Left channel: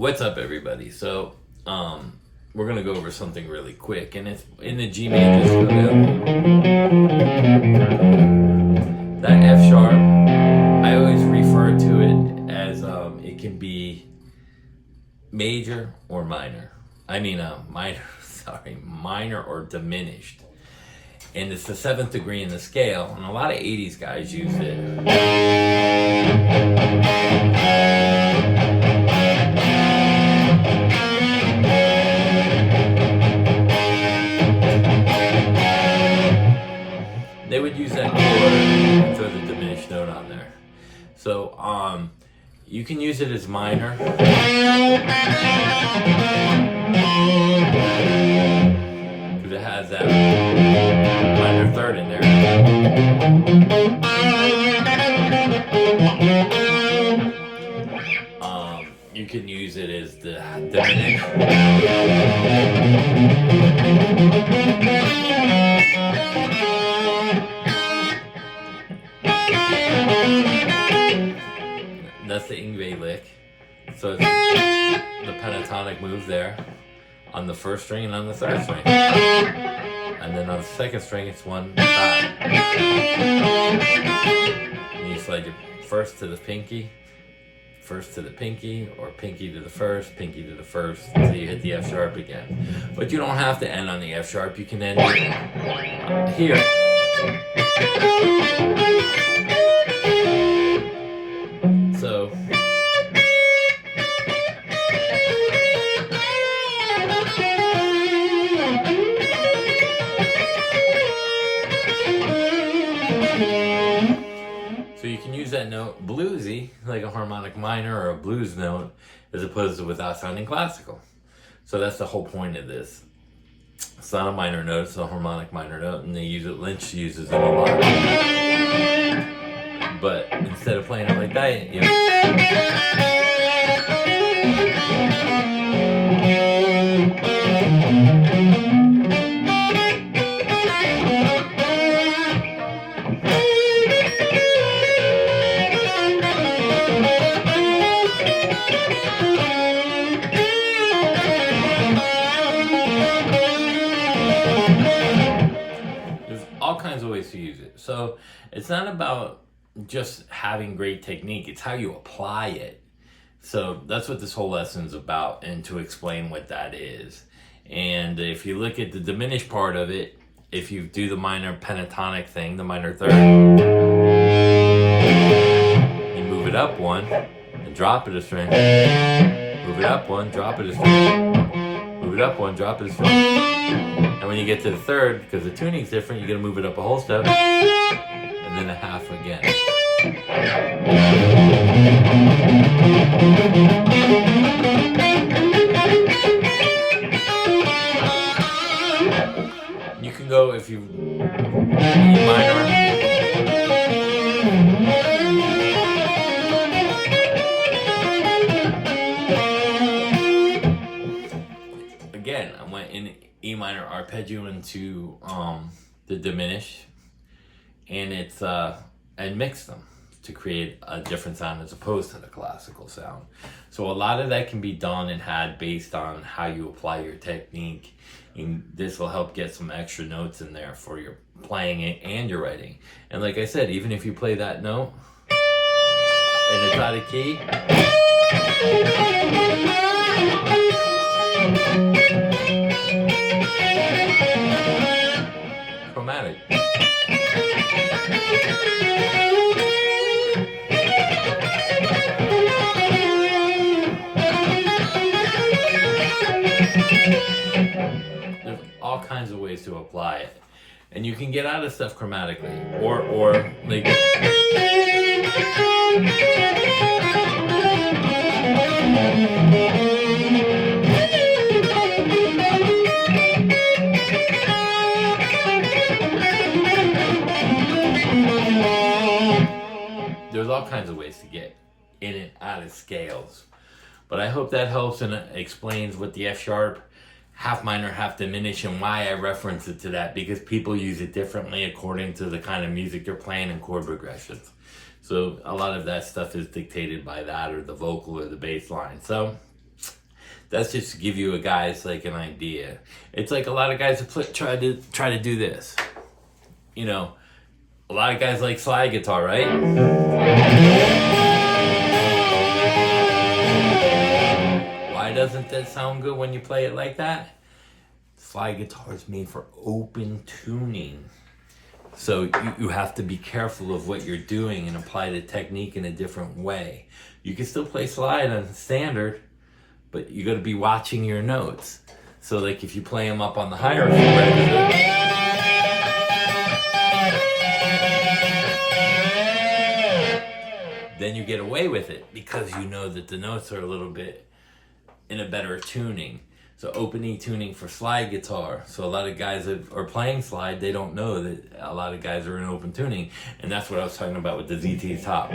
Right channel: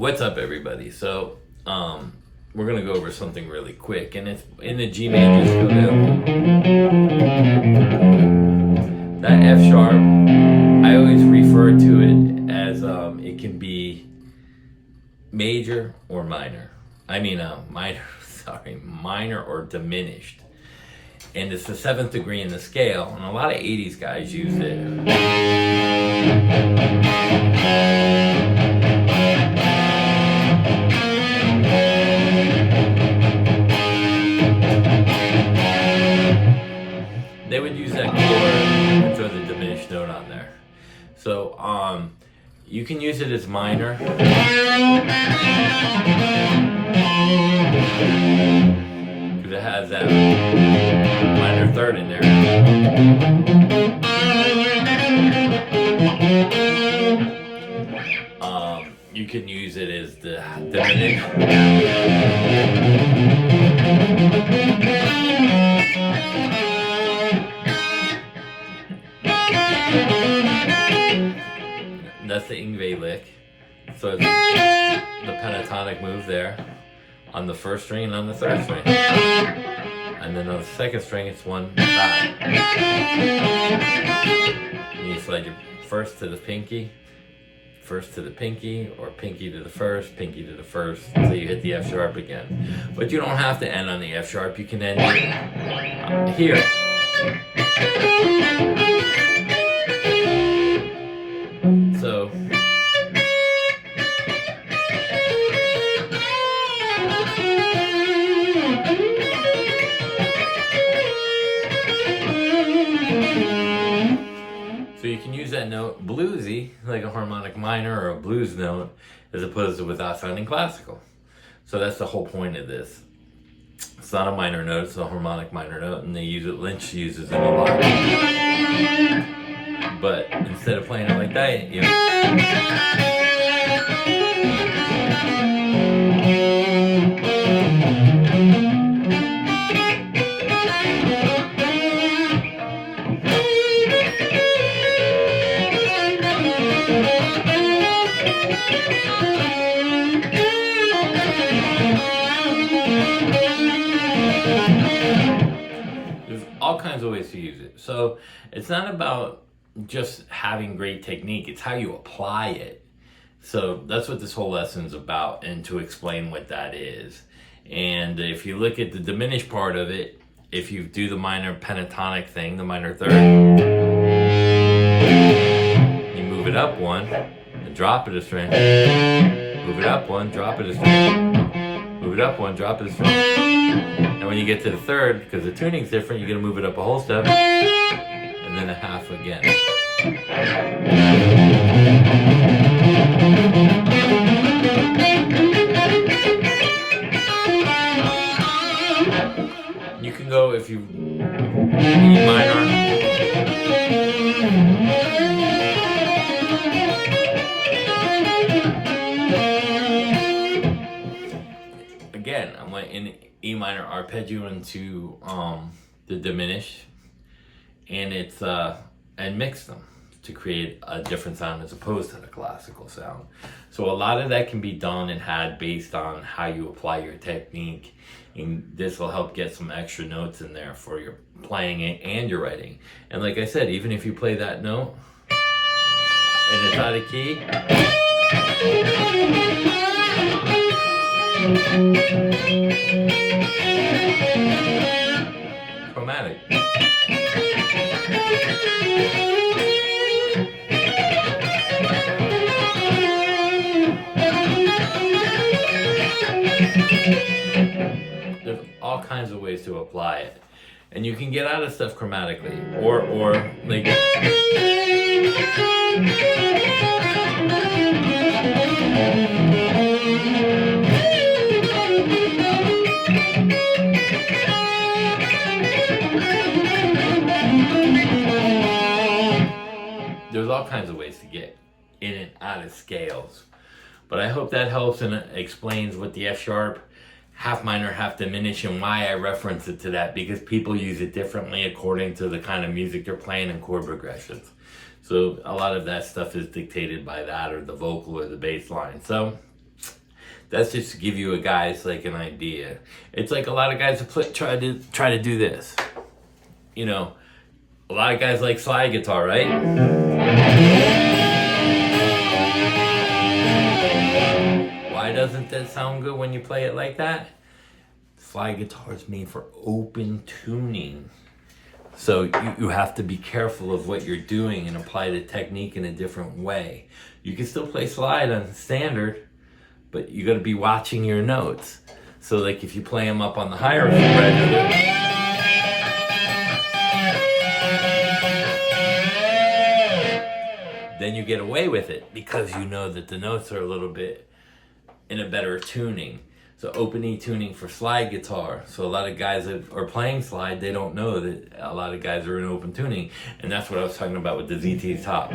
What's up, everybody? So, we're gonna go over something really quick, and it's in the G major scale. That F sharp, I always refer to it as it can be major or minor. Minor or diminished. And it's the 7th degree in the scale, and a lot of 80s guys use it. They would use that chord and throw the diminished note on there. So you can use it as minor. Because it has that minor third in there. You can use it as the diminished. That's the Ingve lick. So it's the pentatonic move there on the first string and on the third string. And then on the second string, it's 1 dot. And you slide your first to the pinky, first to the pinky, or pinky to the first, pinky to the first, so you hit the F sharp again. But you don't have to end on the F sharp. You can end it here. So you can use that note bluesy, like a harmonic minor or a blues note, as opposed to without sounding classical. So that's the whole point of this. It's not a minor note, it's a harmonic minor note, and they use it, Lynch uses it a lot. But instead of playing it like that, you know. There's all kinds of ways to use it. So it's not about just having great technique, it's how you apply it. So that's what this whole lesson's about, and to explain what that is. And if you look at the diminished part of it, if you do the minor pentatonic thing, the minor third, you move it up one and drop it a string, move it up one, drop it a string, move it up one, drop it a string. And when you get to the third, because the tuning's different, you're gonna move it up a whole step and then a half again. You can go, if you E minor, again, I went in E minor arpeggio into the diminished, and it's and mix them to create a different sound as opposed to the classical sound. So a lot of that can be done and had based on how you apply your technique, and this will help get some extra notes in there for your playing it and your writing. And like I said, even if you play that note and it's out of key, chromatic. There's all kinds of ways to apply it, and you can get out of stuff chromatically, or like. There's all kinds of ways to get in and out of scales. But I hope that helps and explains what the F sharp, half minor, half diminished, and why I reference it to that, because people use it differently according to the kind of music they're playing and chord progressions. So a lot of that stuff is dictated by that, or the vocal or the bass line. So That's just to give you guys like an idea. It's like a lot of guys try to do this. You know, a lot of guys like slide guitar, right? Why doesn't that sound good when you play it like that? Slide guitar is made for open tuning. So you have to be careful of what you're doing and apply the technique in a different way. You can still play slide on standard, but you got to be watching your notes. So like if you play them up on the higher register, then you get away with it because you know that the notes are a little bit in a better tuning. So open E tuning for slide guitar. So a lot of guys that are playing slide, they don't know that a lot of guys are in open tuning. And that's what I was talking about with the ZT top.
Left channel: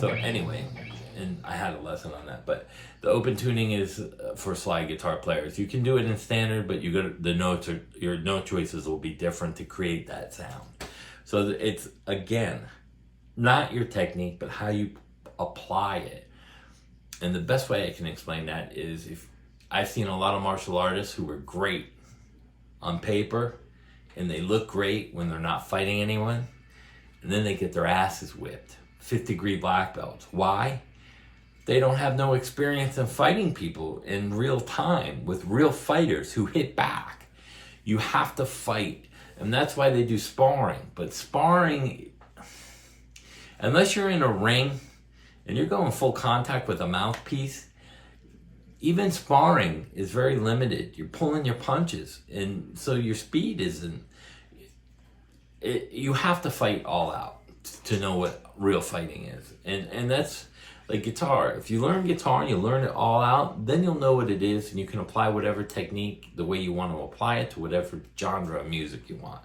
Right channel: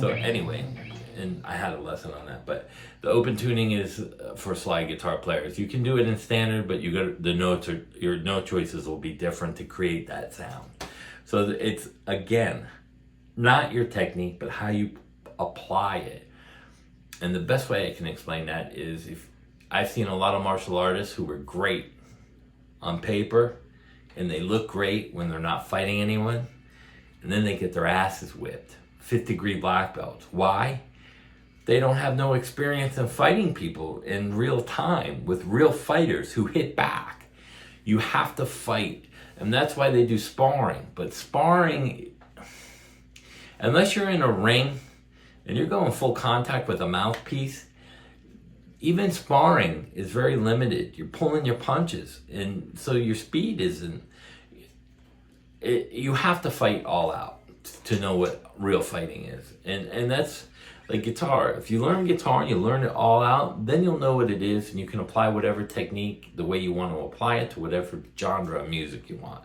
So anyway, and I had a lesson on that, but the open tuning is for slide guitar players. You can do it in standard, but your note choices will be different to create that sound. So it's, again, not your technique, but how you apply it. And the best way I can explain that is if I've seen a lot of martial artists who were great on paper and they look great when they're not fighting anyone, and then they get their asses whipped. 5th-degree black belts. Why? They don't have no experience in fighting people in real time with real fighters who hit back. You have to fight. And that's why they do sparring. But sparring, unless you're in a ring and you're going full contact with a mouthpiece, even sparring is very limited. You're pulling your punches, and so your speed isn't. You have to fight all out to know what real fighting is, and that's like guitar. If you learn guitar and you learn it all out, then you'll know what it is, and you can apply whatever technique the way you want to apply it to whatever genre of music you want.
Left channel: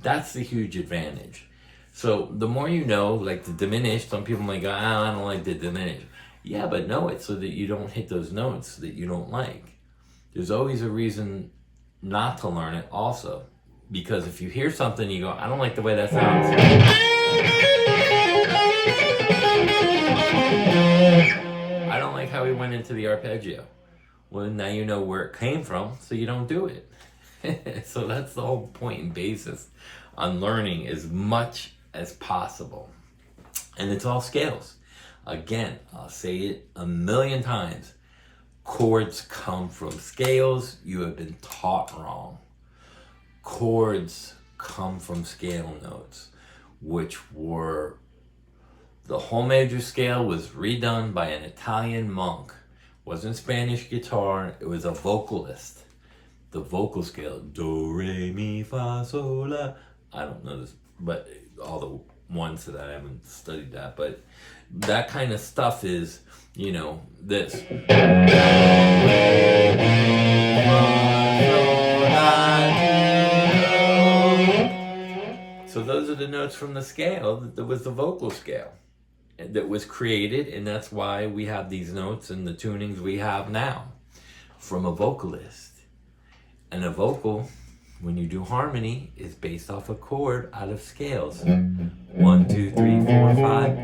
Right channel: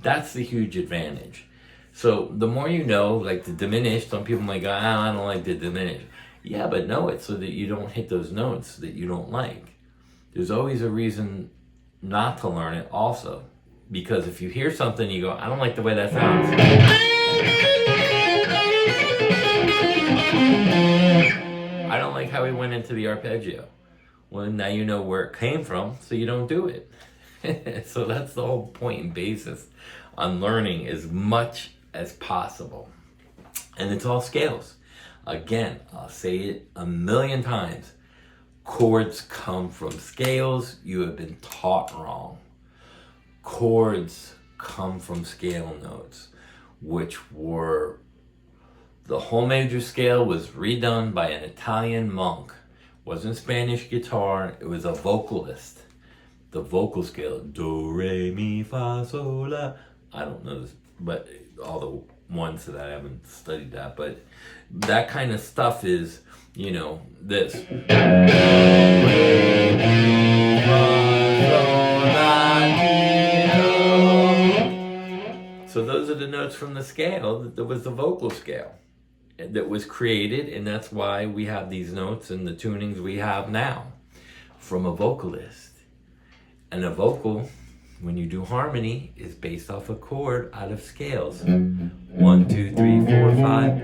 That's the huge advantage. So the more you know, like the diminished, some people might go, I don't like the diminished. Yeah, but know it so that you don't hit those notes that you don't like. There's always a reason not to learn it also. Because if you hear something, you go, I don't like the way that sounds. I don't like how he went into the arpeggio. Well, now you know where it came from, so you don't do it. So that's the whole point and basis on learning as much as possible. And it's all scales. Again, I'll say it a million times. Chords come from scales. You have been taught wrong. Chords come from scale notes, which were, the whole major scale was redone by an Italian monk. It wasn't Spanish guitar, it was a vocalist. The vocal scale, do, re, mi, fa, sol, la. I don't know this, but all the ones that I haven't studied that, but that kind of stuff is, you know, this. Do, re, mi, fa, sol, la, so those are the notes from the scale. That was the vocal scale that was created, and that's why we have these notes and the tunings we have now from a vocalist. And a vocal, when you do harmony, is based off a chord out of scales. 1, 2, 3, 4, 5.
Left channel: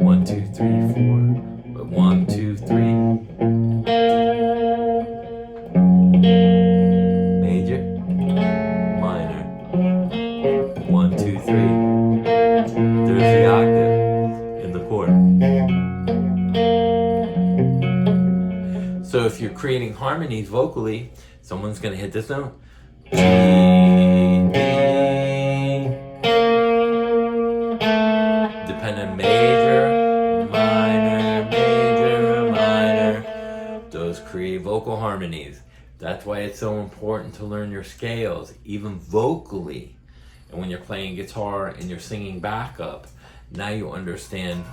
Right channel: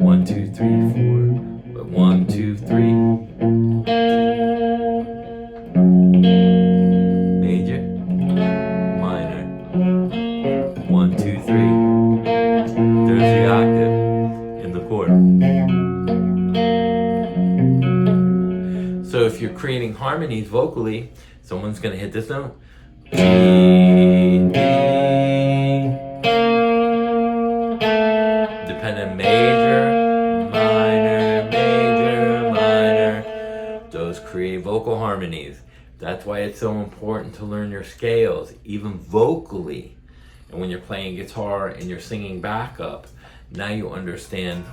1, 2, 3, 4. 1, 2, 3. Major, minor. 1, 2, 3. There's the octave in the chord. So if you're creating harmonies vocally, someone's going to hit this note. G, D. Dependent major, minor. Those create vocal harmonies. That's why it's so important to learn your scales, even vocally. And when you're playing guitar and you're singing backup, now you understand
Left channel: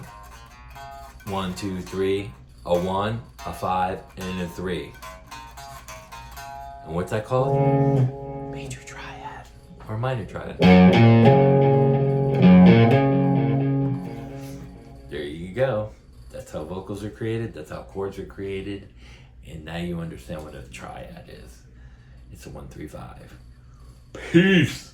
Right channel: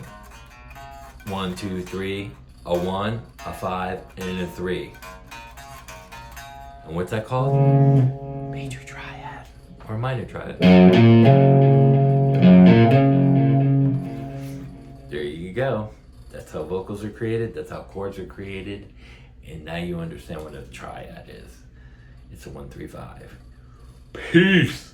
1, 2, 3, a 1, a 5, and a 3. And what's that called? Major triad or minor triad. There you go. That's how vocals are created. That's how chords are created. And now you understand what a triad is. It's a 1, 3, 5. Peace.